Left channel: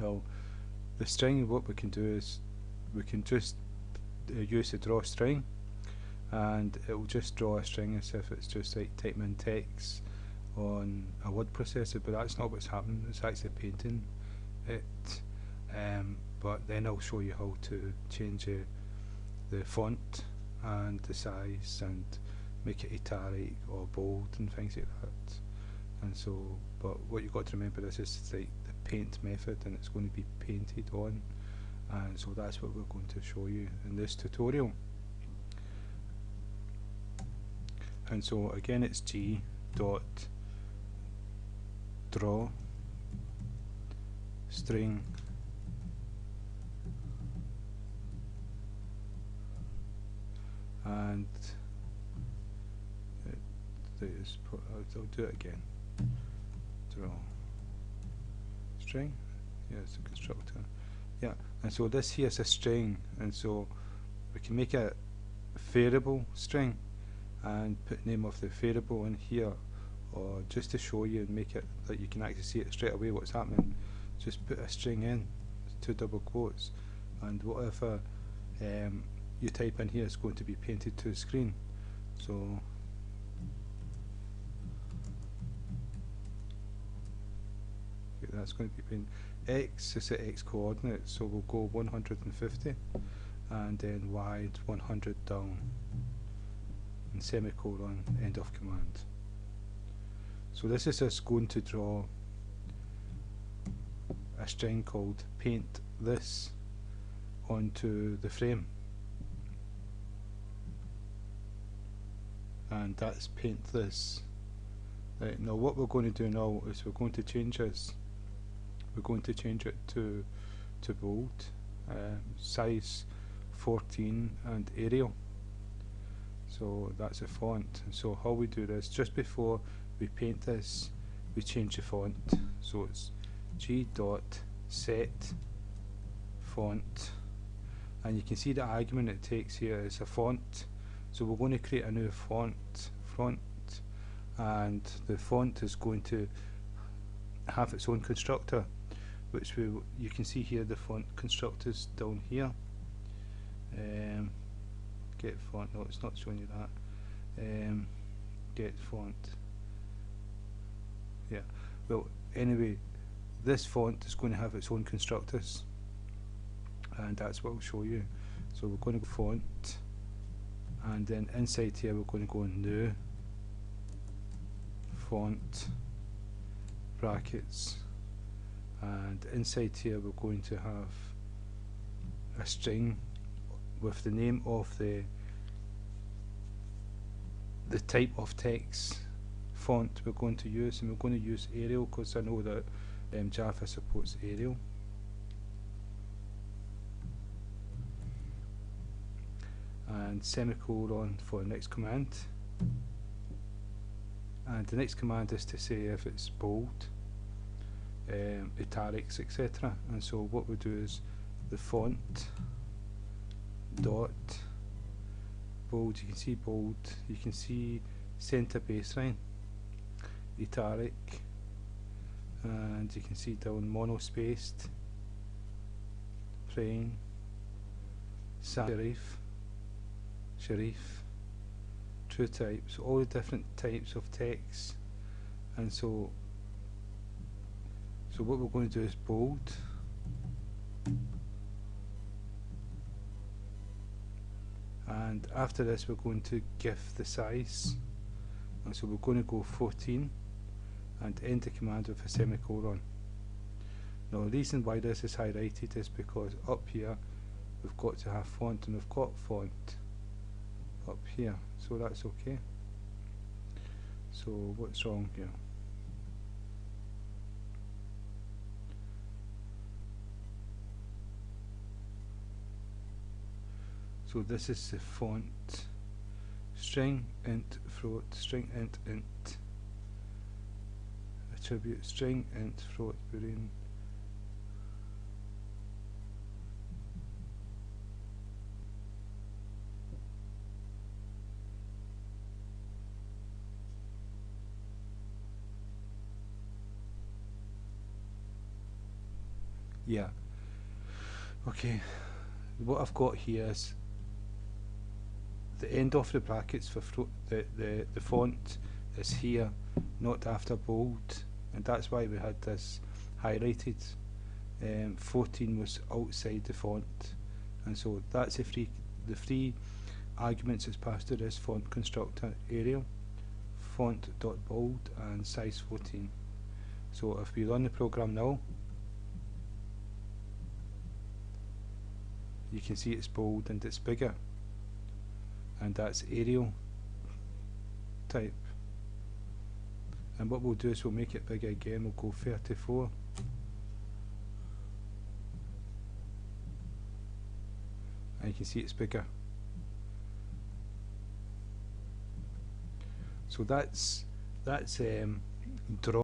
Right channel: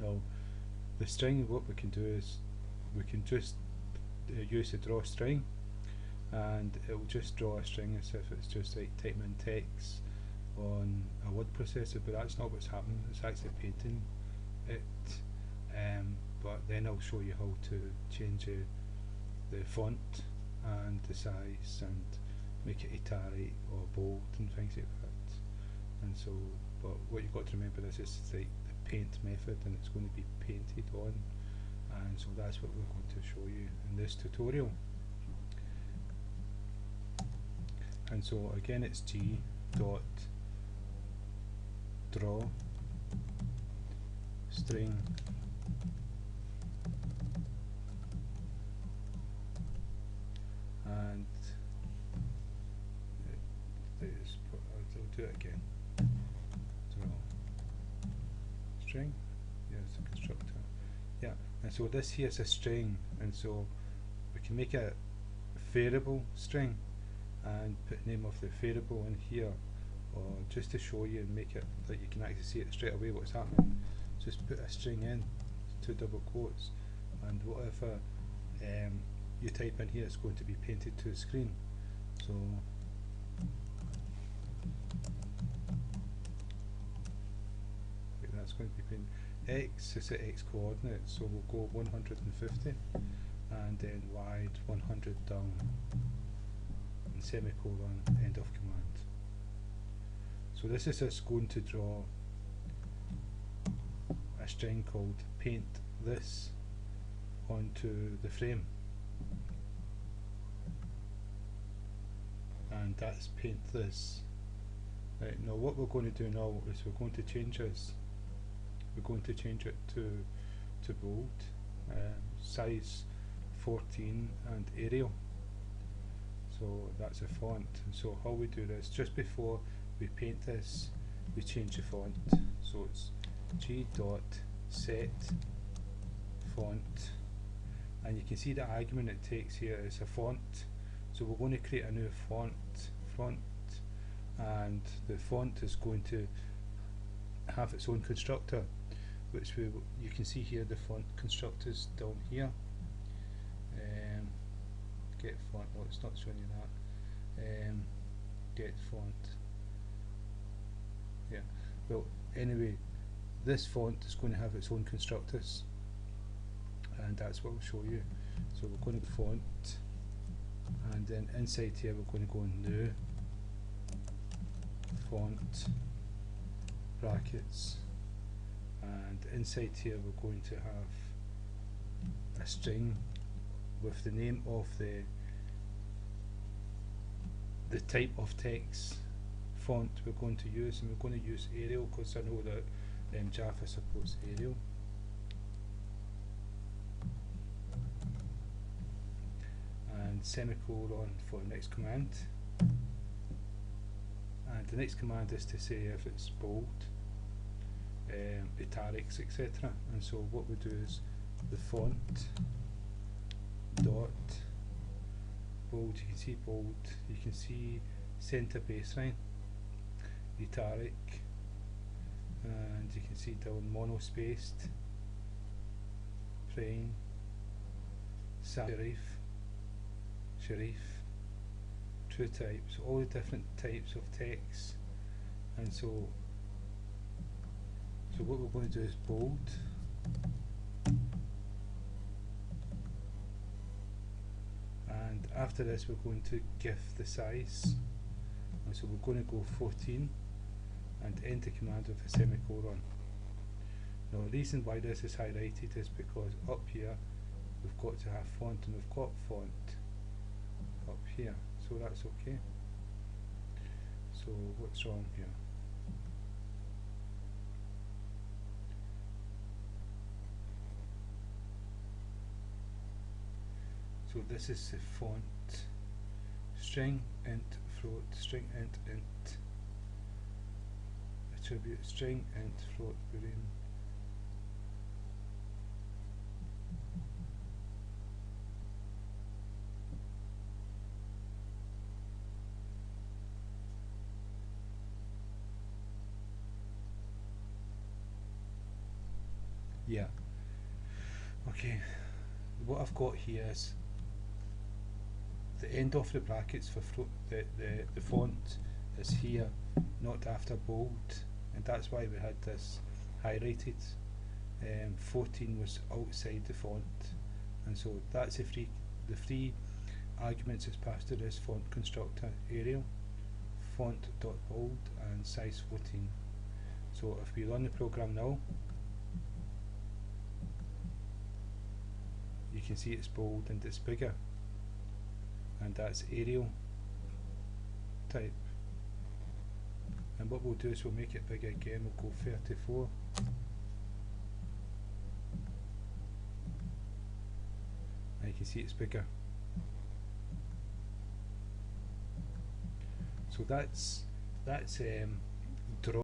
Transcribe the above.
Now the string, what we can do is we can just use the draw string, and it will just draw a string as if it's just like typing in text on a word processor, but that's not what's happening. It's actually painting it. But then I'll show you how to change the font and the size and make it italic or bold and things like that. And so, but what you've got to remember is it's like the paint method, and it's going to be painted on, and so that's what we're going to show you in this tutorial. And so again, it's g dot draw string and I'll do it again. Draw string. Yeah, it's a constructor. Yeah, and so this here is a string, and so we can make a variable string and put name of the variable in here, or just to show you and make it that you can actually see it straight away what's happening. Just put a string in, 2 double quotes, and whatever you type in here is going to be painted to the screen. So that's going to be painted. X is the X coordinate, so we'll go 150, and then Y 100 down, and semicolon, end of command. So this is us going to draw a string called paint this onto the frame, and that's paint this. Right, now what we're going to do now is we're going to change this. We're going to change it to bold, size 14 and Arial. So that's a font. And so how we do this, just before we paint this, we change the font. So it's g dot set font, and you can see the argument it takes here is a font. So we're going to create a new font, and the font is going to have its own constructor, which you can see here the font constructors down here. Get font, no, it's not showing you that. Get font, yeah. Well, anyway, this font is going to have its own constructors, and that's what I'll show you. So we're going to go font, and then inside here we're going to go new font brackets, and inside here we're going to have a string with the name of the type of text font we're going to use, and we're going to use Arial because I know that Java supports Arial. And semicolon for the next command, and the next command is to say if it's bold, italics, etc. And so what we do is the font dot bold, you can see bold, you can see center baseline, italic, and you can see down monospaced, plain, serif, true types, all the different types of text. And so what we're going to do is bold, and after this we're going to give the size, and so we're going to go 14 and end the command with a semicolon. Now the reason why this is highlighted is because up here we've got to have font, and we've got font up here, so that's okay. So what's wrong here? So this is the font, string int float, string int attribute, string int float boolean, Yeah. Okay. What I've got here is the end of the brackets for the font is here, not after bold, and that's why we had this highlighted. 14 was outside the font, and so that's the three arguments it's passed to this font constructor: Arial, font.bold, and size 14. So if we run the program now, you can see it's bold and it's bigger, and that's Arial type. And what we'll do is we'll make it bigger again. We'll go 34, and you can see it's bigger. So that's draw